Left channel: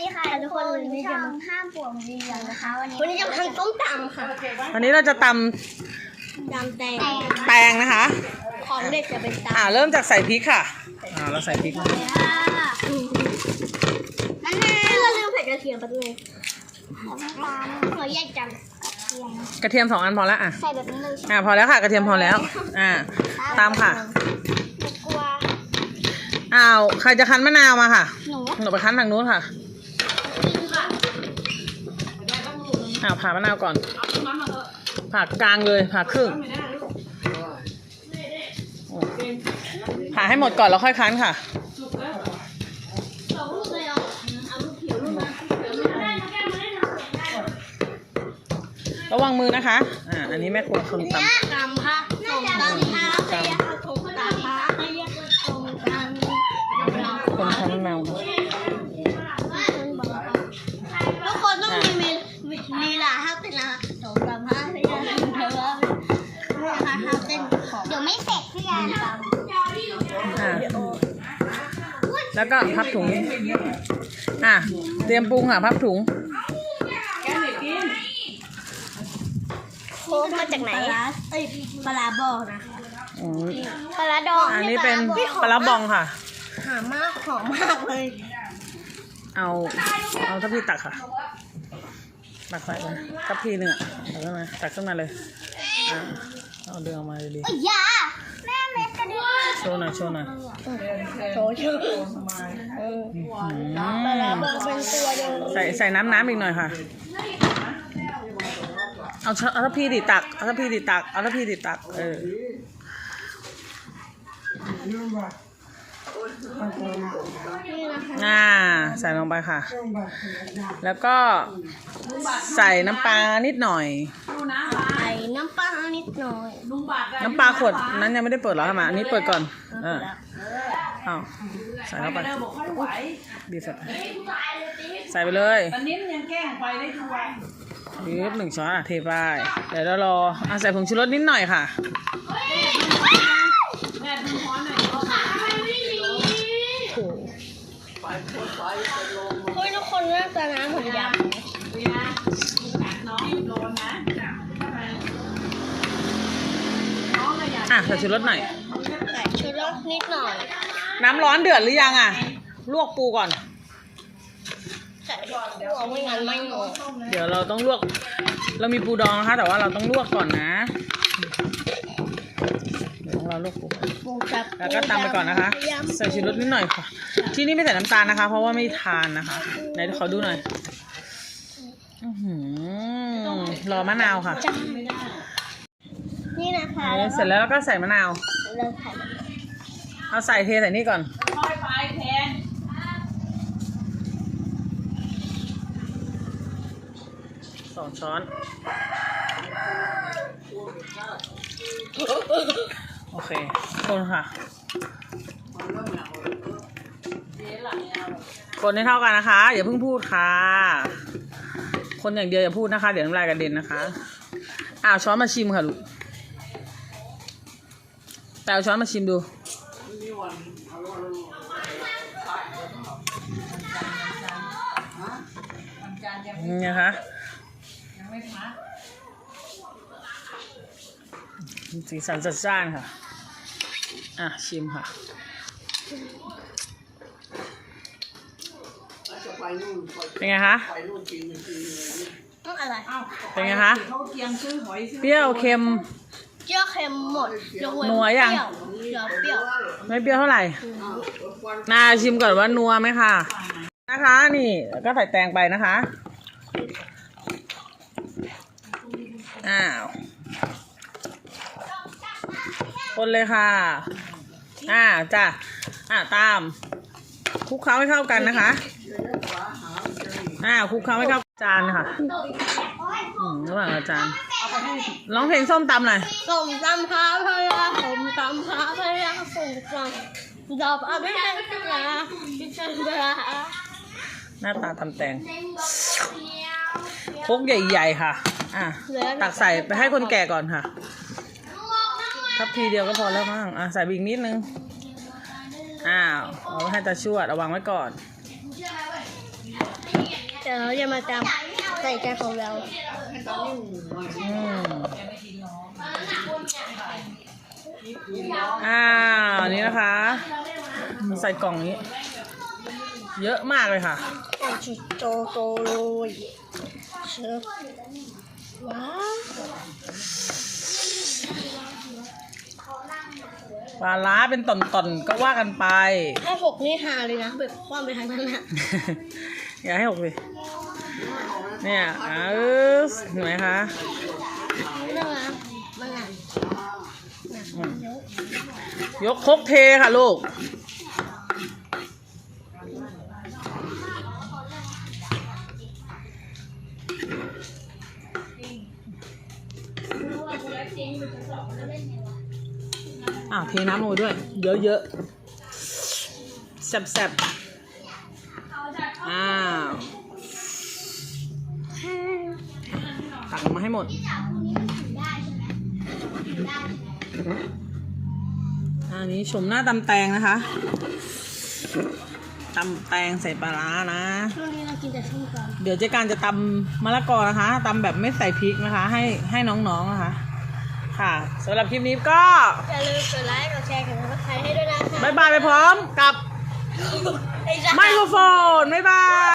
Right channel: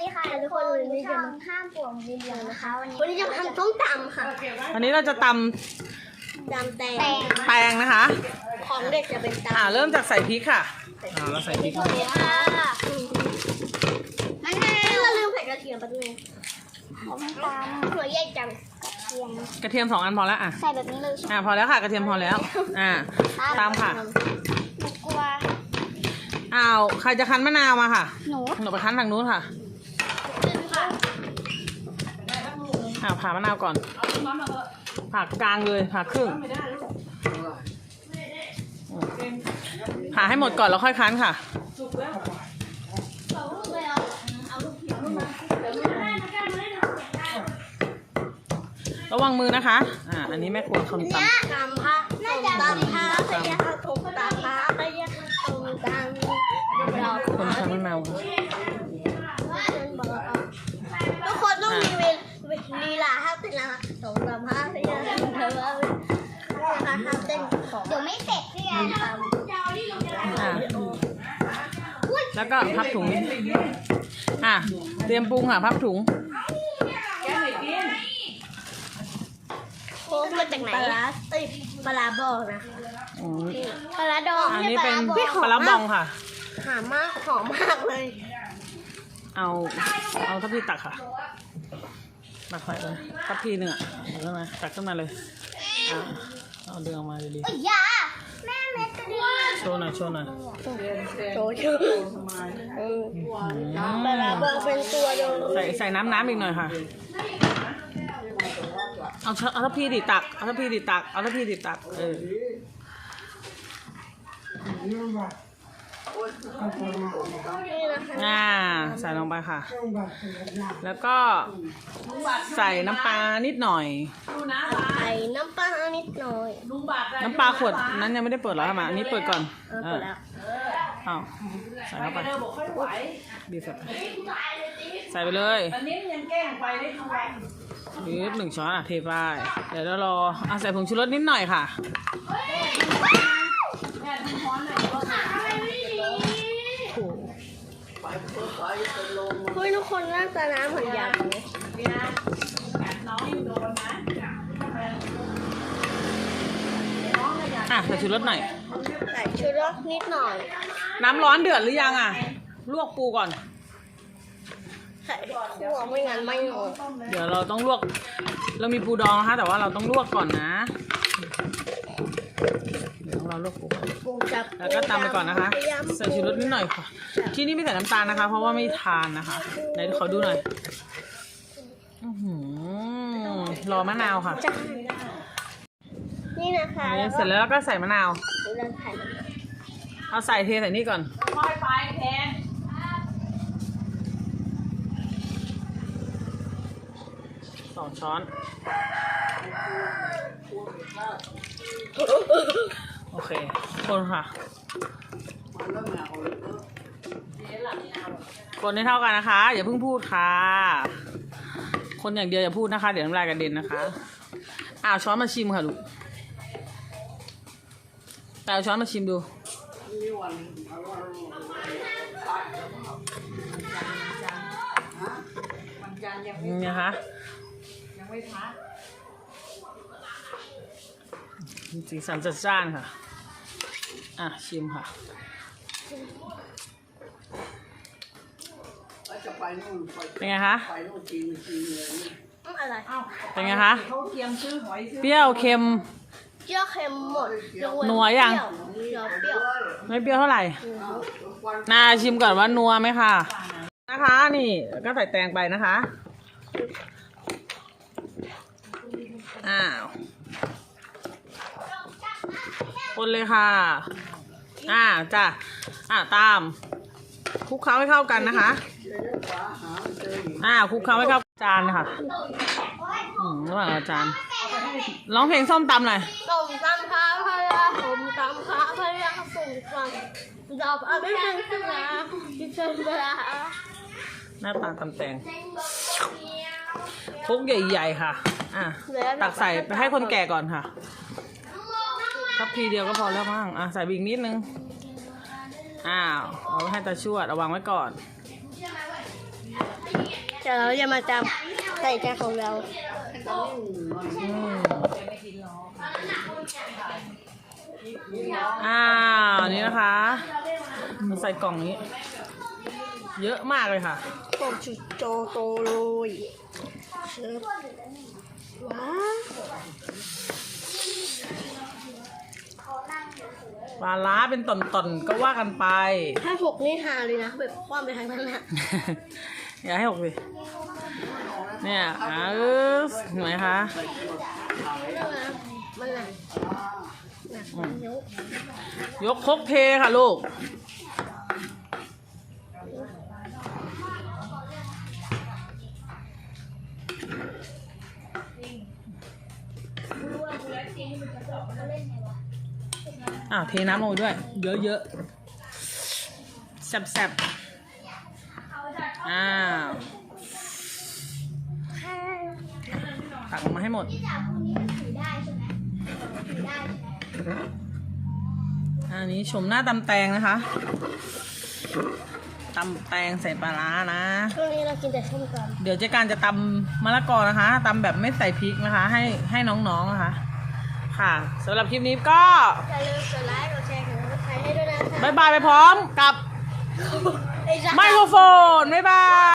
ดีค่ะทุกคนวันนี้จะมาห้ามปวงวิญญาณนะคะ วันนี้วันนี้จะมาทำส้มตำค่ะวันนี้เราจะตตำแตงำแตงนะคะ ของเด็กจะเป็นตำอ่าเริ่มจากใส่พริกค่ะ อ่าเราใส่พริกมะนาวเราลืมใส่กระเทียมไปด้วยของน้ำตาลเราแยกกันกระเทียมกระเทียมสองอันพอแล้วอะ ใส่แบบนี้เลยใช่ไหมอ่าพอแล้วค่ะ กระเทียมพอแล้ว อ่า ตามค่ะ หนูกลัวอ้าวใครจะคั้นมะนาวมาค่ะ หนูหนูไปคั้นทางนู้นค่ะ อ่าผ่ามะนาวก่อน ผ่ากลางเลย ผ่าครึ่ง ผ่าให้หมดก่อนแล้วค่อยคั้นค่ะ ระวังมือนะคะ อ่า อันนี้แม่ครัวคนตำตำค่ะส้มตำค่ะตำส้มตำค่ะให้เรียกว่าส้มตำคนคั้นมะนาวค่ะทุกคนต้องมีมี ลีลาห้าเต้นนะคะส้มตำค่ะให้เรียกว่าเธอว่าห้าเต้นของเดี๋ยวไม่เสร็จพี่แอนทอ่าแล้วก็พับถุง อะ เตรียมปรุงค่ะ พับถุงโค้งมาจากไหนปลาร้าเอ้ยปลาร้าบอกนะอืมำปลาร้าดองอันนี้เป็นปลาร้าบองค่ะ หอมมากหอมมากเลย เอา เอาทัพพีตักค่ะ ตักใส่ไปทัพพีหนึ่งอะตักขึ้นมาตักขึ้นมาเลยอ่าเอาเดือออกมาดีเอ้ยอยาแม่เม็ดกระดิ่งๆโชว์หน่อยโชว์หน่อยโชว์ชื่อเอออืมเป็นตัวเดียวใส่ใส่น้ำน้ำอีกหน่อยค่ะ เอาชเอาทัพพีดิตักเอาทัพพีดิตักเอาทัพพีดิตักเออ อ่า ใส่ลงไปค่ะ แล้วก็ใส่น้ำปลานิดหน่อย ใส่น้ำปลานิดหน่อย น้ำปลาขวดนั้นยังไม่ได้เปิดหรอคะมาอันนี้เปิดก่อน เออเอาใส่เข้าไปบีบใส่ไปใส่ไปเลยบีบหนึ่งช้อนอะเทไป เดี๋ยวเรารออะใส่ผงชูรสนิดหน่อยค่ะ ใส่ชูรสหน่อย ใส่ชูรสนิดหน่อย น้ำร้อนเดือดหรือยังอะ ลวกปูก่อน ใส่หัวไม่งั้นไม่หมดเดี๋ยวเราต้องลวก เรามีปูดองนะคะแต่ว่าเราต้องลวกก่อนนะ เดี๋ยวเราลวกปูก่อน ปูจับแล้วก็ตามไปก่อนนะคะ ใส่ชูรสนิดหน่อยค่ะ ที่นี่ไม่ใส่น้ำตาลนะคะ เพราะว่าไม่ทานนะคะ ไหนขอดูหน่อย อื้อหือรอมะนาวค่ะนี่นะ คะนี่เสร็จแล้วเราก็ใส่มะนาว เราใส่เอาใส่เทใส่นี่ก่อนสองช้อน โอเคคนค่ะ คนให้เท่ากันนะคะ อย่าเพิ่งพูดค่ะ คนอย่างเดียวอย่าพูดนะคะ เดี๋ยวน้ำลายกระเด็นนะคะ อ่าช้อนมาชิมค่ะลูก แต่เอาช้อนมาชิมดู นี่นะคะสีสันจัดจ้านค่ะ อะ ชิมค่ะเป็นไงคะต้องอะไรเป็นไงคะ เปรี้ยวเค็ม เจียวเค็มหมดยกเว้นัวยัง เปรี้ยวเปรี้ยวไม่เปรี้ยวเท่าไหร่ นาชิมก่อนว่านัวไหมค่ะ นะคะ นี่แล้วก็ใส่แตงไปนะคะ อ้าว คนเลยค่ะ อ่าจ้ะ อ่าตาม คลุกเคล้าให้เข้ากันนะคะ อ่าคลุกเคล้าให้เข้าจานค่ะอืมระหว่างอาจารย์ ร้องเพลงส้มตำหน่อยส้มตำพาพยาส้มตำพาพยาส้มตำดอกอะไรเป็นเสือที่ฉันเสือหน้าตาตำแตงคกใหญ่ๆค่ะ อะ ตักใส่ไปให้คนแก่ก่อนค่ะทัพพีเดียวก็พอแล้วมั้งอะ ใส่บีกนิดนึง อ้าวเอาให้ตาชวดเอาวางไว้ก่อนแต่เราจะมาจำ ใส่ใจของเราอืมอ้าวนี่นะคะใส่กล่องนี้ เยอะมากเลยค่ะโอ้ชิโจโตเลยเชิญว้าวปลาล้าเป็นตอนๆก็ว่ากันไป ถ้าหกนี่หาเลยนะแบบคว่ำไปทางนั้นนะ อย่าให้หกสิ เนี่ยอ่าเออเห็นไหมคะยกคกเทค่ะลูก อ่าเทน้ำลงไปด้วย เยอะๆแซ่บๆอ้าว ตักมาให้หมดอันนี้ชมหน้าตำแตงนะคะตำแตงใส่ปลาร้านะ ช่วงนี้เรากินแต่ส้มตำเดี๋ยวเจ๊การจะตำมะละกอนะคะตำแบบไม่ใส่พริกนะคะ ให้ให้น้องๆนะคะ ค่ะสำหรับคลิปนี้ก็อย่าลืมกดไลค์กดแชร์กดติดตามให้ด้วยนะคะบายบายไปพร้อมกับไอ้สัตว์ไมโครโฟนบ๊ายบาย